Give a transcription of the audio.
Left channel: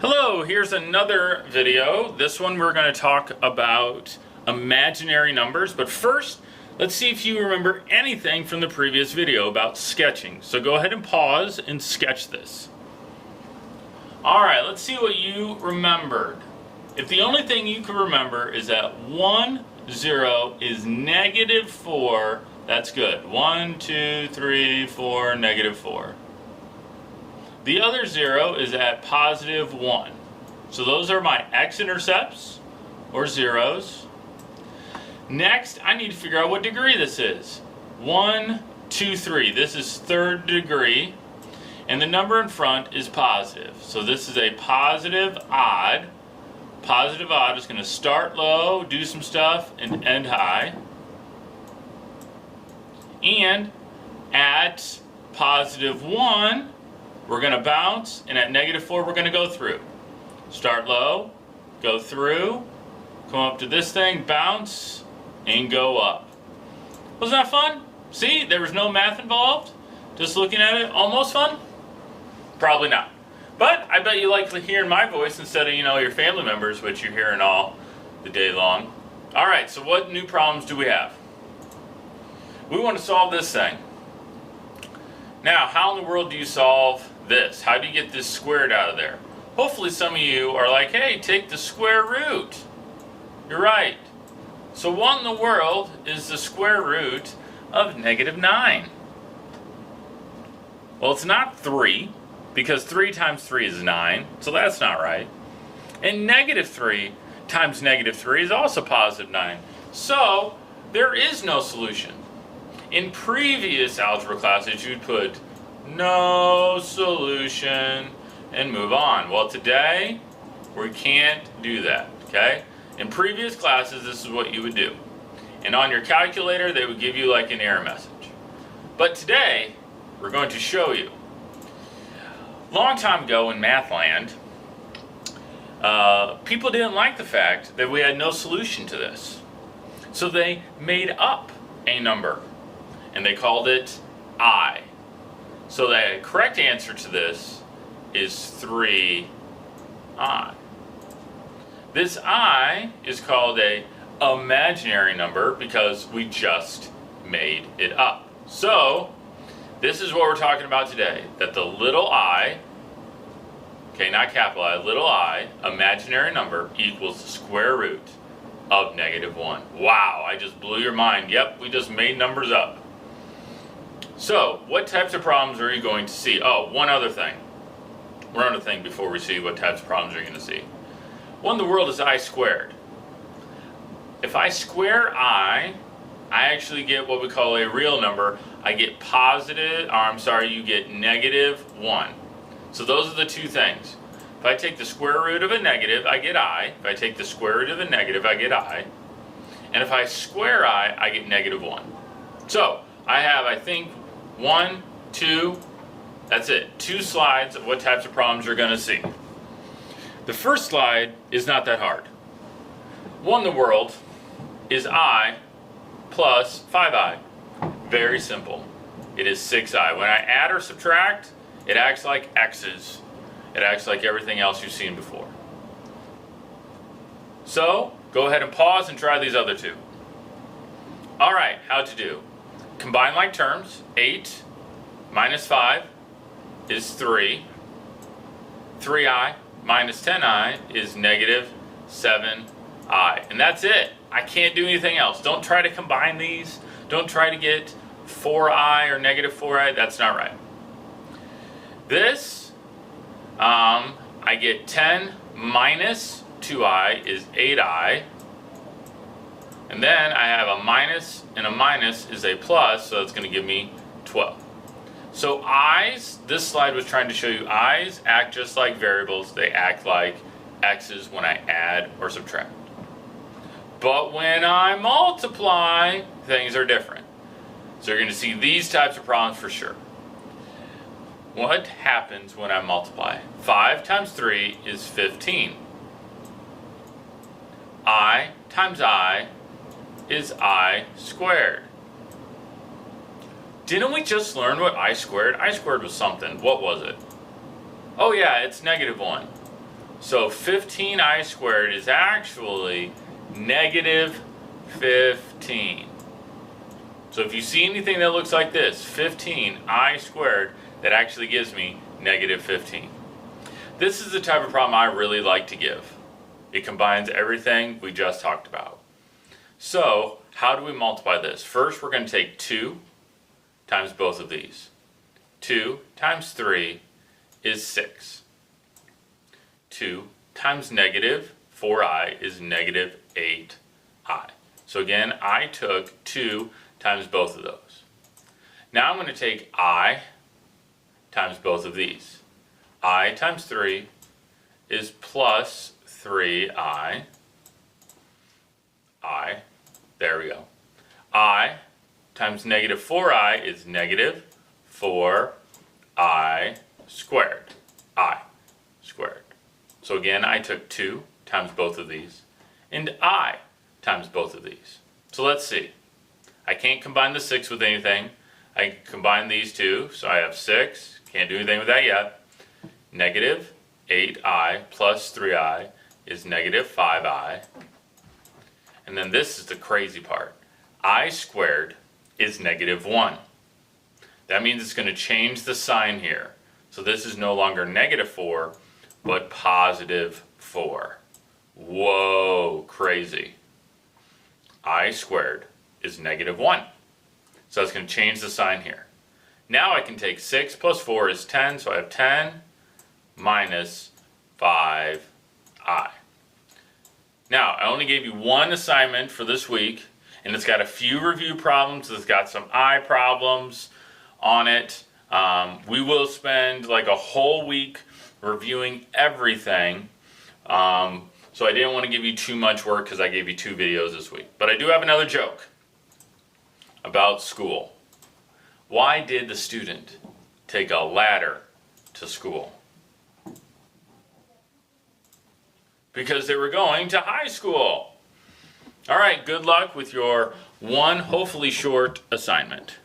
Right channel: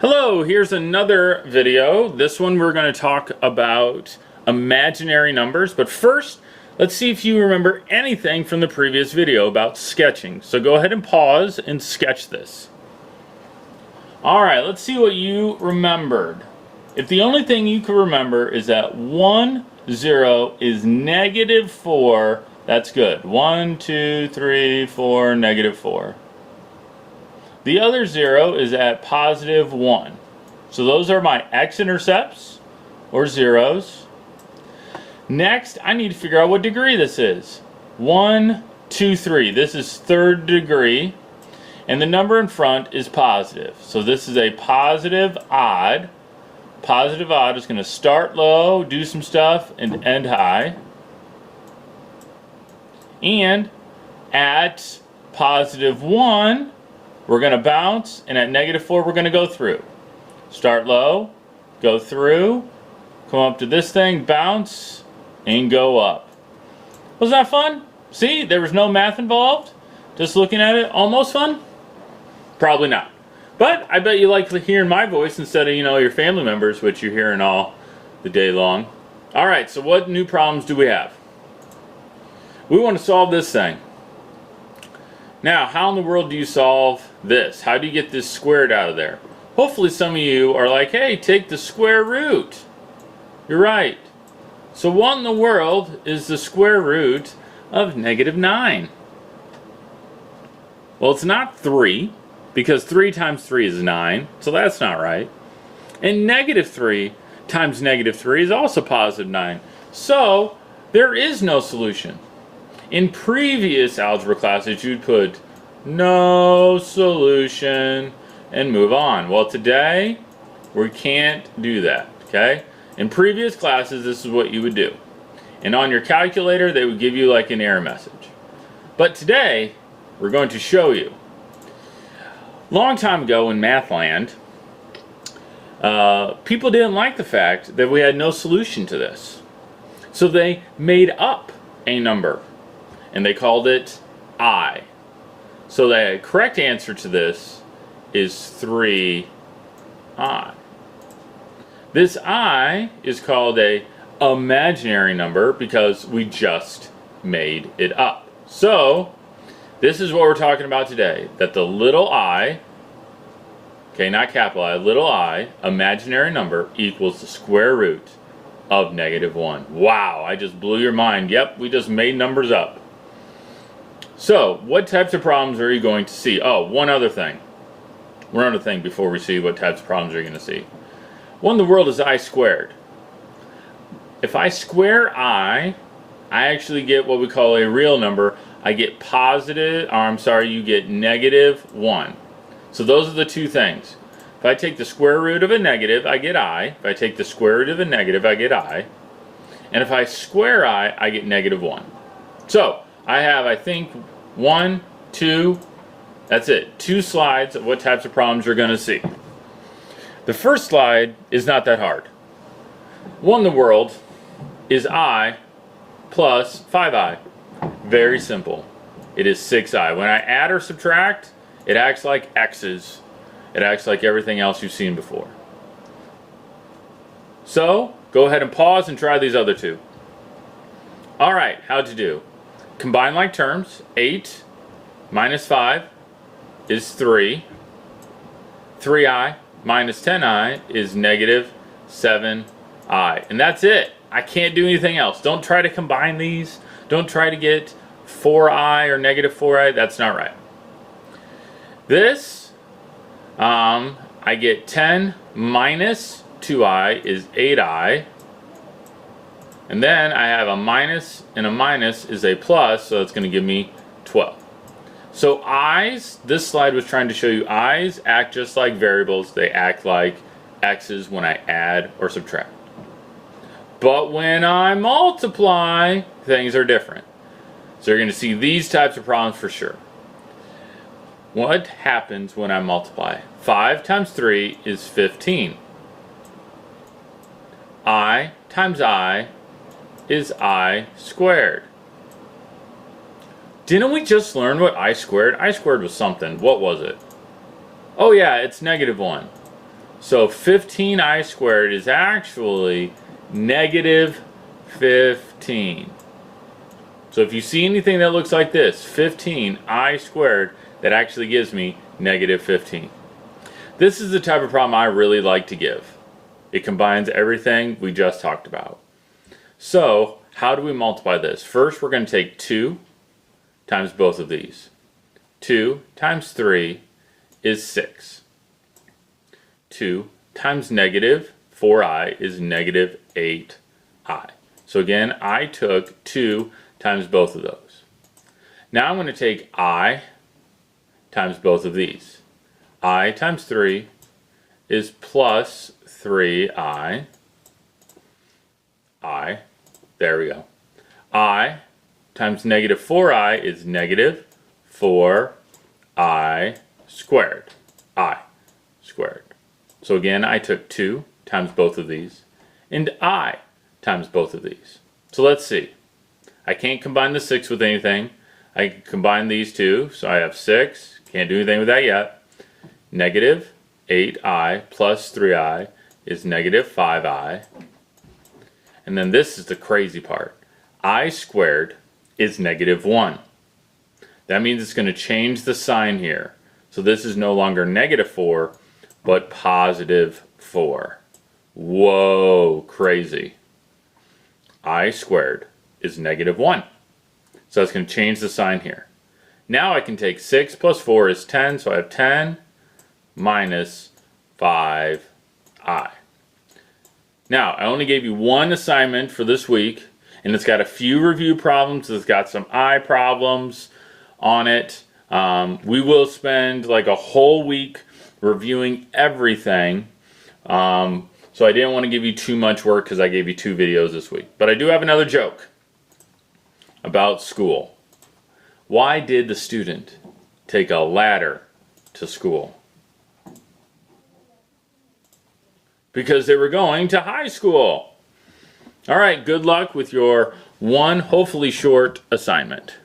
Hello, here's another video. This one we're going to talk about imaginary numbers, but first, let's see if you remember anything from the previous video about sketching. So go ahead and pause and sketch this. Alright, let's see what you remembered. If the only thing you can remember is that 1, 0 is negative 4, that's good. 1, 2, 3, 4, negative 4. The other 0 is at positive 1. So those are my x-intercepts, or zeros. Next, I need to figure out what degree this is. 1, 2, 3. This is third degree. And the number in front is positive. So this is a positive odd. Positive odd is going to start low, do some stuff, and end high. And at positive 1, we're going to bounce, and at negative 4, we're going to go through. Start low, go through, come up to this thing, bounce, and go up. Wasn't that fun? See, there was no math involved. Just looking at it, almost fun? Probably not. But I bet you like hearing my voice instead of, your family members, which you're hearing all the day long. All right, so what new problems do we have? We want to solve this thing. Now, how in the world do you solve this? How do you get this squared out of there? Hopefully some of you are like, hey, take the square root. You're right. So what in the world is the square root of negative 9? Well, it's not 3, because 3 times 3 is 9, so that's not right. And negative 3 times negative 3 is also positive 9. So there is no solution. In previous algebra classes, you'd put no solution and move on. Well, today, we can't do that, okay? In previous classes, this is what you would do. And on your calculator, they would give you like an error message. But today, we're going to show you. Long time ago in Mathland, people didn't like the fact that we had no solution to this. So they made up a number. And they called it I. So the correct answer to this is 3I. This I is called a imaginary number because we just made it up. So this is what we're talking about today. That the little I, okay, not capital I, little I, imaginary number equals the square root of negative 1. Wow, I just blew your mind. Yep, we just made numbers up. So, what types of problems are you going to see? Oh, one other thing. One other thing before we see what types of problems you're going to see. What in the world is I squared? If I square I actually get what we call a real number. I get you get negative 1. So those are the two things. If I take the square root of a negative, I get I. If I take the square root of a negative, I get I. And if I square I get negative 1. So, I have, I think, 1, 2, that's it. 2 slides of what types of problems you're going to see. The first slide is not that hard. What in the world is I plus 5I? Very simple. It is 6I. When I add or subtract, it acts like X's. It acts like everything else you've seen before. So, go ahead and pause and try these other two. Alright, how to do? Combine like terms. 8 minus 5 is 3. 3I minus 10I is negative 7I. And that's it. I can't do anything else. Don't try to combine these. Don't try to get 4I or negative 4I. That's not right. This, I get 10 minus 2I is 8I. And then I have a minus, and a minus is a plus, so it's going to give me 12. So I's, this slide was trying to show you I's act just like variables. They act like X's when I add or subtract. But when I multiply, things are different. So you're going to see these types of problems for sure. What happens when I multiply? 5 times 3 is 15. I times I is I squared. Didn't we just learn what I squared? I squared was something. What was it? Oh yeah, it's negative 1. So 15i squared is actually negative 15. So if you see anything that looks like this, 15i squared, that actually gives me negative 15. This is the type of problem I really like to give. It combines everything we just talked about. So how do we multiply this? First, we're going to take 2 times both of these. 2 times 3 is 6. 2 times negative 4i is negative 8i. So again, I took 2 times both of those. Now I'm going to take I times both of these. I times 3 is plus 3i. There we go. I times negative 4i is negative 4i squared. I squared. So again, I took 2 times both of these, and I times both of these. So let's see. I can't combine the 6 with anything. I can combine these two, so I have 6. Can't do anything with that yet. Negative 8i plus 3i is negative 5i. And then this is the crazy part. I squared is negative 1. That means it's going to change the sign here. So this is no longer negative 4, but positive 4. Whoa, crazy. I squared is negative 1. So it's going to change the sign here. Now I can take 6 plus 4 is 10, so I have 10 minus 5i. Now, I only gave you one assignment for this week, and it's got a few review problems. It's got some I problems on it. We will spend like a whole week reviewing everything. So I didn't want to give you too much work because I gave you 2 videos this week. But I do have another joke about school. Why did the student take a ladder to school? Because they were going to high school. All right, good luck with your one, hopefully short, assignment.